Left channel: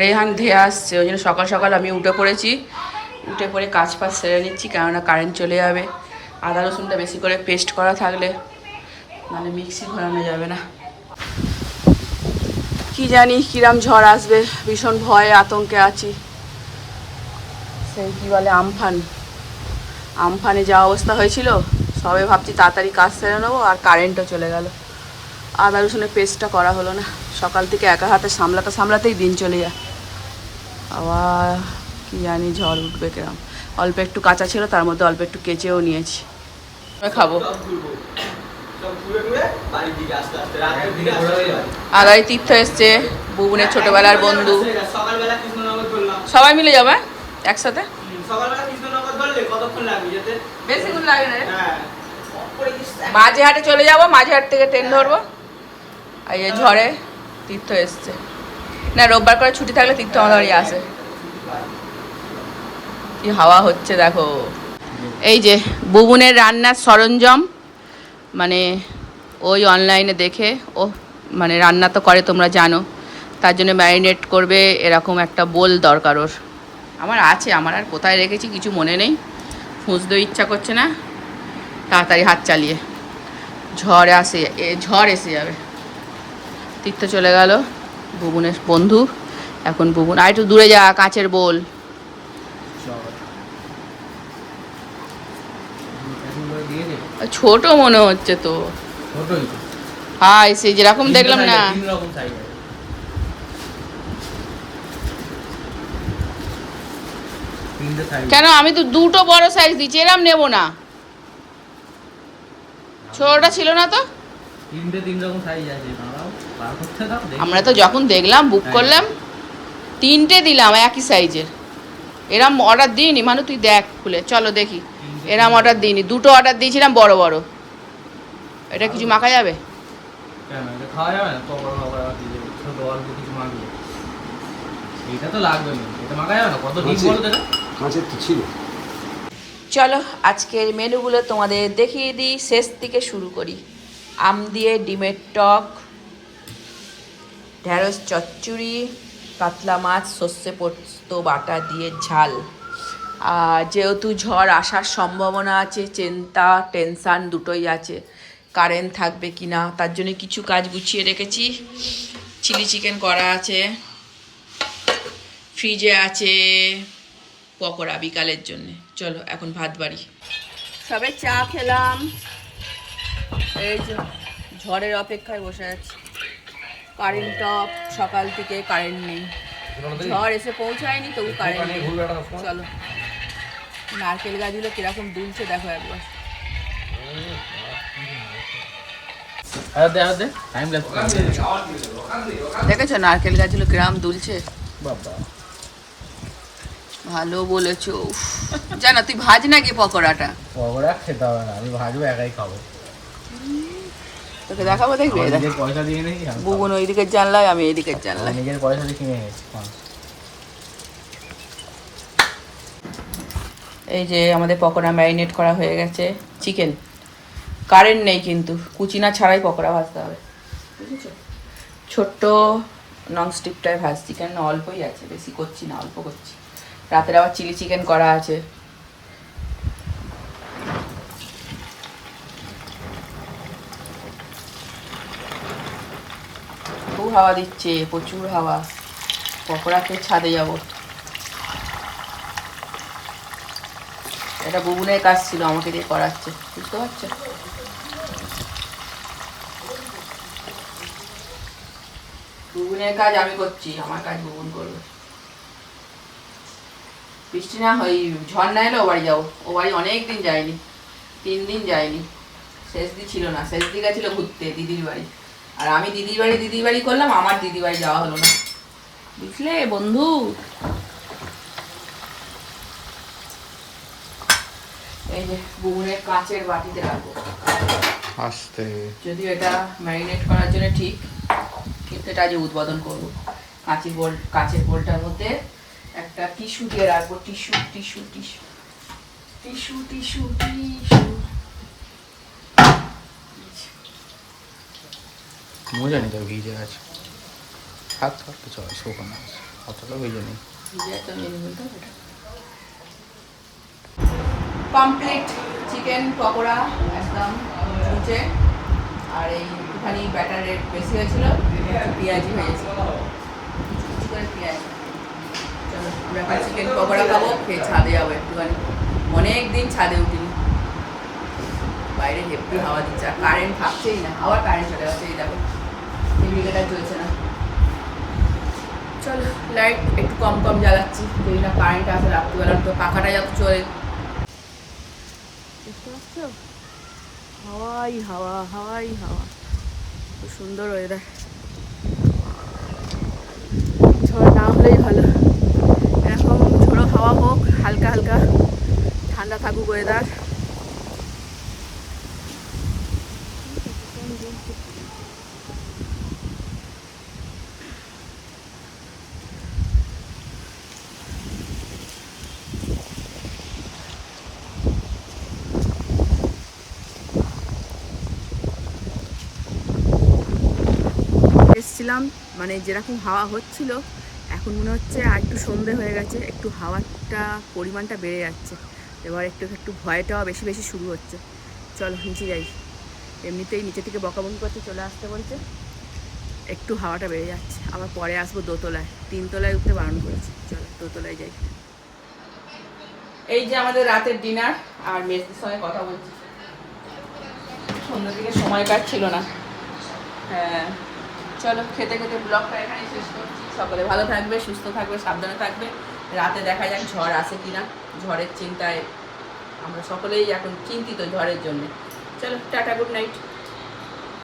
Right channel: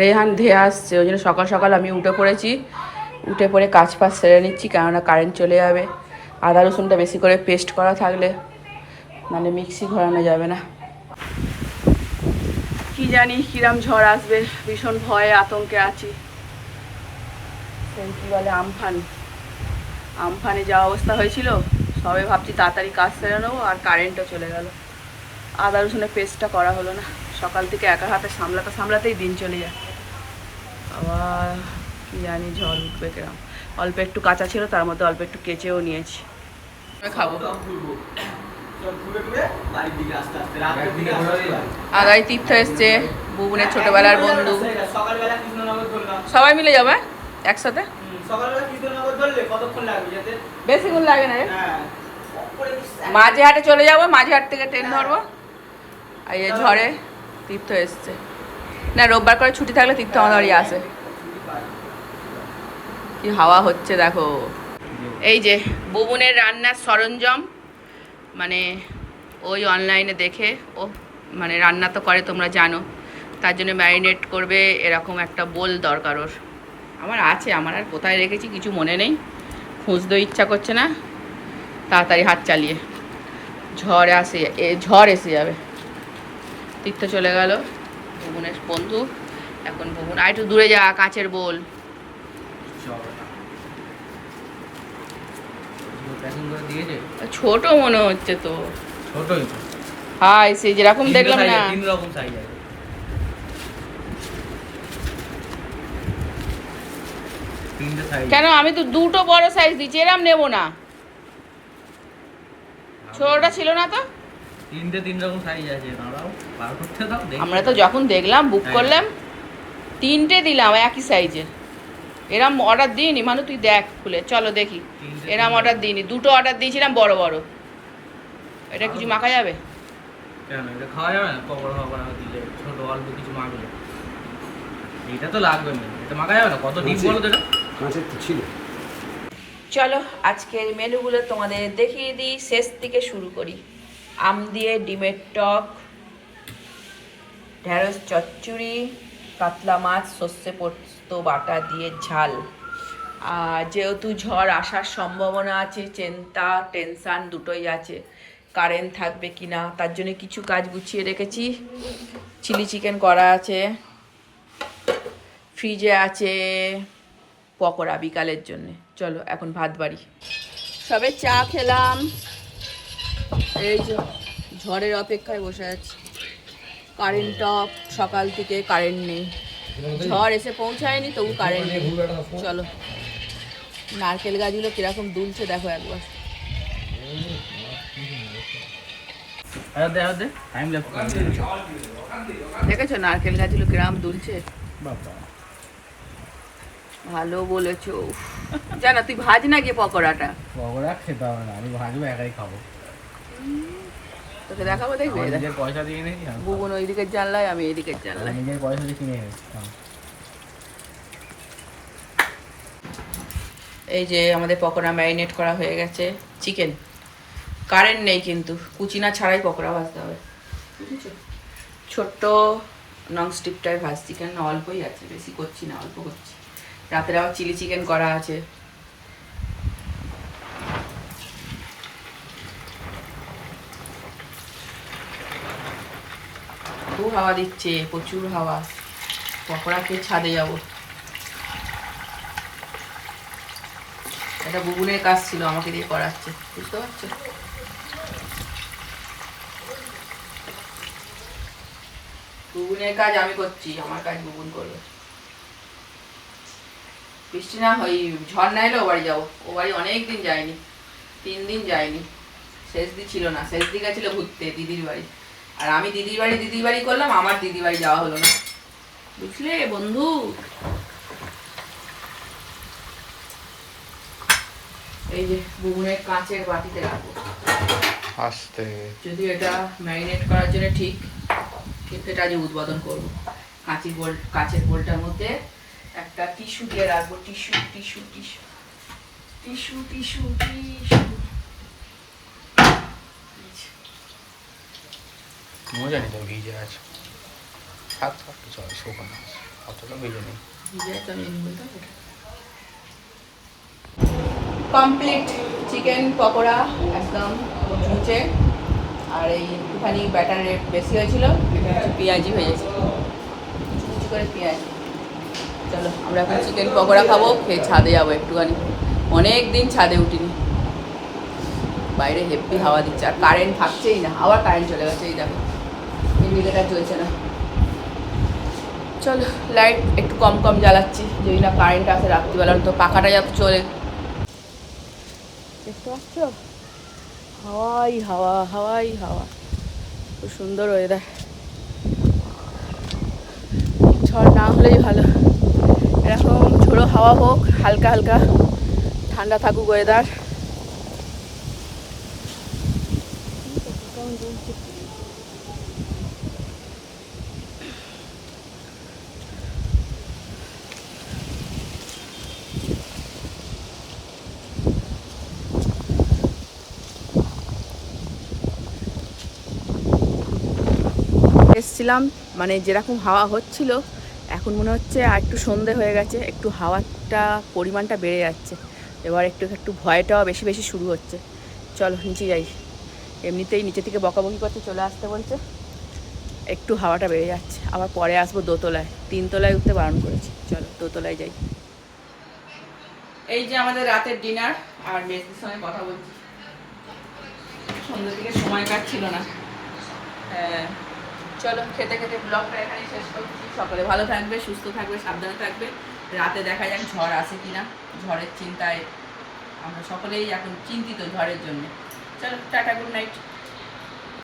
রেহান ধেয়ে আসছে, ওই জন্য সকাল সকাল আমি উঠে পড়েছি। উঠে পড়ে কাজ ফাজ সেরে নিচ্ছি, কেননা কারেন্ট চলে যাবে। আদা রসুনটা বেশি করে পেস্ট করা থাকলে মানে মিক্সি ঘোরানো যাবে না। কি জানি কিরাম ঝড় আসবে, ভীষণ ভয়ে আতঙ্কে আছি। সেই কি বলে, আমফান। আমফানে যা অবস্থা হয়েছিল, সবে ভাবছি তাড়াতাড়ি কাজ সেরে নেব, আর কারেন্টও চলে গেল। আদা রসুনের পেস্টটা করা হলো না। সকাল থেকে একা হাতে সামলাতে সামলাতেই দিন চলে যায়। আবার কি জানি ঝড় উঠবে কিরম। অল্প একটু কাঁচা ছিল তার মধ্যে অল্প একটু কেচেও নিয়েছি। আমি খাব। আগাই তীর্থ এসছে বুবনের ছোটবেলার বন্ধু। সকালবেলা কৃষ্ণনগর ধরলাম সবাই মিলে যাবে একসাথে? হুম, সকালবেলা কৃষ্ণনগর ধরলে কতক্ষণ লাগবে যেতে বেশিক্ষণ লাগে না রে। হ্যাঁ মাঝে হাটে চলে যাব মাঝে হাট থেকে ট্রেন ধরবো। আর এই ঝড়ে তীর্থ এসছে। না, রোববার করে ছুটি থাকলে তীর্থ আমাদের বাড়ি আসে। কি হাওয়া হচ্ছে দেখো। এই যে বুবুনের রান্নার সরঞ্জাম মানে ওই অনলাইনে দেখে, ও মানে রান্না তো করে তোমরা জানো, তার জন্য ম্যারিনেট করবে এরকম একটা বোল দরকার ওর। আমার আছে, আমার আর কোথায় রেখেছি কিছু মনে নেই, খুঁজতেও ইচ্ছা করছে না। তাড়াতাড়ি হাত চালিয়ে। ঝড় আসে ঝড় এসে যাবে। তীর্থ চলে গেল। বুবুনের বন্ধু এখন বুবুন আর একটু দূরে যা কাঁচের বোল। ছোট মনে হচ্ছে তো। হাই সেই যেরকম দেখলাম না। কেন? আমি তো দুটো বড় সাইজ দিচ্ছি এরম নেব না। ছোটটা ছিল না তো? তিনটে তিন রকম সাইজ আছে দাঁড়াও বার করতে দাও আমরা তো যখন দেখলাম বুক হ্যাঁ। করলাম তিনটে দিলাম একই সাইজের এরম অর্ডার দিইনি মানু তুই দেখ খুলে চলো দেখি। এরম অর্ডার দিইনি দুটো অর্ডার দিয়েছিলাম বড় বড়। এটা কিছু মাখা যাবে? খাওয়া যাবে না? পকোড়া ফকোড়া দিলে ছোট অল্প কিছু মাখলে। এটা তো লাগবে এটা মাখা যাবে না? কত ডিম বলো তো এটা? ছিল। চলো আজকের মেনুগুলো তোমাদের দেখিয়ে দিই শেষ থেকে শুরু করি। আম দিয়ে ডিমের টক, ঢেঁড়স, চচ্চড়ি, কাতলা মাছ, সর্ষে পোস্ত, বাটা দিয়ে ঝাল। যেহেতু ঝড় আসার সম্ভাবনা আছে, চিন্তা, টেনশান দুটোই আছে, কারেন্ট থাকবে কি না, তার জন্য কিছু কাজ গুছিয়ে রেখেছি। চিলি চিকেন করা আছে, ফ্রিজে আছে পকোড়া বিকালের জন্যে। চলো, এখন ভাত বাড়ি। সবে চা খেলাম। এই যে ঝড়ের অপেক্ষায় বসে আছি। কারেন্ট অফ সকাল থেকে কারেন্ট নেই। ঝড় এসে পৌঁছায়নি তবু কারেন্ট নেই চলো। নারকেল গাছগুলো কীরকম দুলছে দেখো একবার। দেখেছ নারকেল গাছগুলো কীরকম দুলছে? ভালো বলেছ। জানা তুই ভাজ না গিয়ে পকোড়াটা? পকোড়া খেতে হবে না আমি ভাজবো একাই খাব। তোকে দেখাবো দেখবি? নিজের পয়সা দিয়ে নেই। বুবুন ওই দিকের জানলায় আমি এই দিকের জানলায়। নিজের পয়সা দিয়ে কিনে। এই যে আমাদের পকোড়া ম্যারিনেট করা হয়ে গেছে। চিকেন। কারেন্ট নেই কিন্তু কুচিনা ছাড়াই পকোড়া ভাজতে হবে। বুঝেছ? ছোট্ট ননস্টিকটায় ভাজছি কেন অল্পই আছে বেশি করছি না অল্প করছি। রাতের আবার চিলি চিকেন করা আছে। খুব হাওয়া দিচ্ছে, প্রচুর হাওয়া। পকোড়া খেয়ে ছাদে যাব। একটা বুবুনের কাজ ছিল, আমাকে দিয়ে করাচ্ছে। বুঝতে পারছ? বুবুনের কাজ আমি করছি, আমার কাজ বুবুন করবে। বৃষ্টি না ওই না এলে ও বাড়ি যাব। ও বাড়ি অনেক দিন যায়নি, তিন দিন যায়নি। শেষ দিন ছিল না, শেষ দিন গেছিল ঘুরতে, দিদির বাড়ি। আর আমি দিদির বাড়ি দিদির বাড়ি করলাম আমার দিদির বাড়ি যাওয়া হলো না। বুঝলে বন্ধু? এই যে বুবুনের কাঁচের বাটিতে রাখব। আস্তে। যদিও এটা ম্যারিনেট করার জন্য ঠিক কিন্তু এটা আজ উদ্বোধন করব। কাঁচের বোল কাঁচের বোলটার মধ্যে একটা টিস্যু দিয়ে রাখব। Tissue tissue tissue. Tissue tissue tissue. মজা নেই তো ভিজে আছে। থাক থাক কিছু হয় শুকনো আছে অতটা ভেজে নেই। কমপ্লিট চিকেন পকোড়া, একদম মুচে আর এই একটুখানি ব্যাটার রেট বেশি হয়েছিল পেঁয়াজি হয়েছে কুচি করে পেঁয়াজ। চলো, আমরা এখন চিকেন পকোড়া খাব, খেয়ে ছাদে যাব একটুখানি। অনেক দিন ছাদে উঠিনি। বাইরে হেভি হাওয়া দিচ্ছে, আর কারেন্ট থাকছেই না, আবার কারেন্ট চলে গেছে, এই দেখো। ইন্ডিকেটার জ্বলছে না। চলো লাইট একটু কম কম জ্বালাচ্ছি যদি না কারেন্ট আসে রাত্রিবেলা তো পাখাটা যাতে চলে। দেখতে পাচ্ছ? হাওয়াই হাওয়া হাওয়াই হাওয়া। খুব সুন্দর ওয়েদার ঝড় না হলেই ভালো। এরকম ঝোড়ো হাওয়া হোক, হালকা হালকা ঠান্ডা থাকুক ওয়েদার এসছিলাম মানে যেরকম হাওয়া হচ্ছিল, এখন মনে হচ্ছে আর একটু সন্ধে হয়ে গেছে, একটু হাওয়াটা, পরিমাণটা বেড়ে যাচ্ছে। এবার একটু একটু ভয়টাও বেশি বেশি শুরু হচ্ছে। চলো, নিচে যাই। এমনিতেই নিচে থেকে বকাবকি করতে চলে আসতে বলছে, একটু হাওয়াটা বেড়ে যাচ্ছে। আবার পরে আসব দোতলায়। তিনতলায় উঠতে বারণ করেছে। চলো, দোতলায় যাই। এই যে আমাদের রাতের ডিনার আর মেসির সঙ্গে কথা বলছি। সন্ধ্যের দিকে সময় কাটছিল না। হ্যাঁ। চলো, খেতে খেতে ব্লগটা এখানেই শেষ করছি। সকলে ভালো থাকবে, সুস্থ থাকবে, সাবধানে থাকবে। রাতে দেখা যাক ঝড় আসে কিনা। ঝড়ের চিন্তায় আমরা সকলেই এখন চিন্তিত ঝড়ের জন্যে। চলো, টাটা গুড নাইট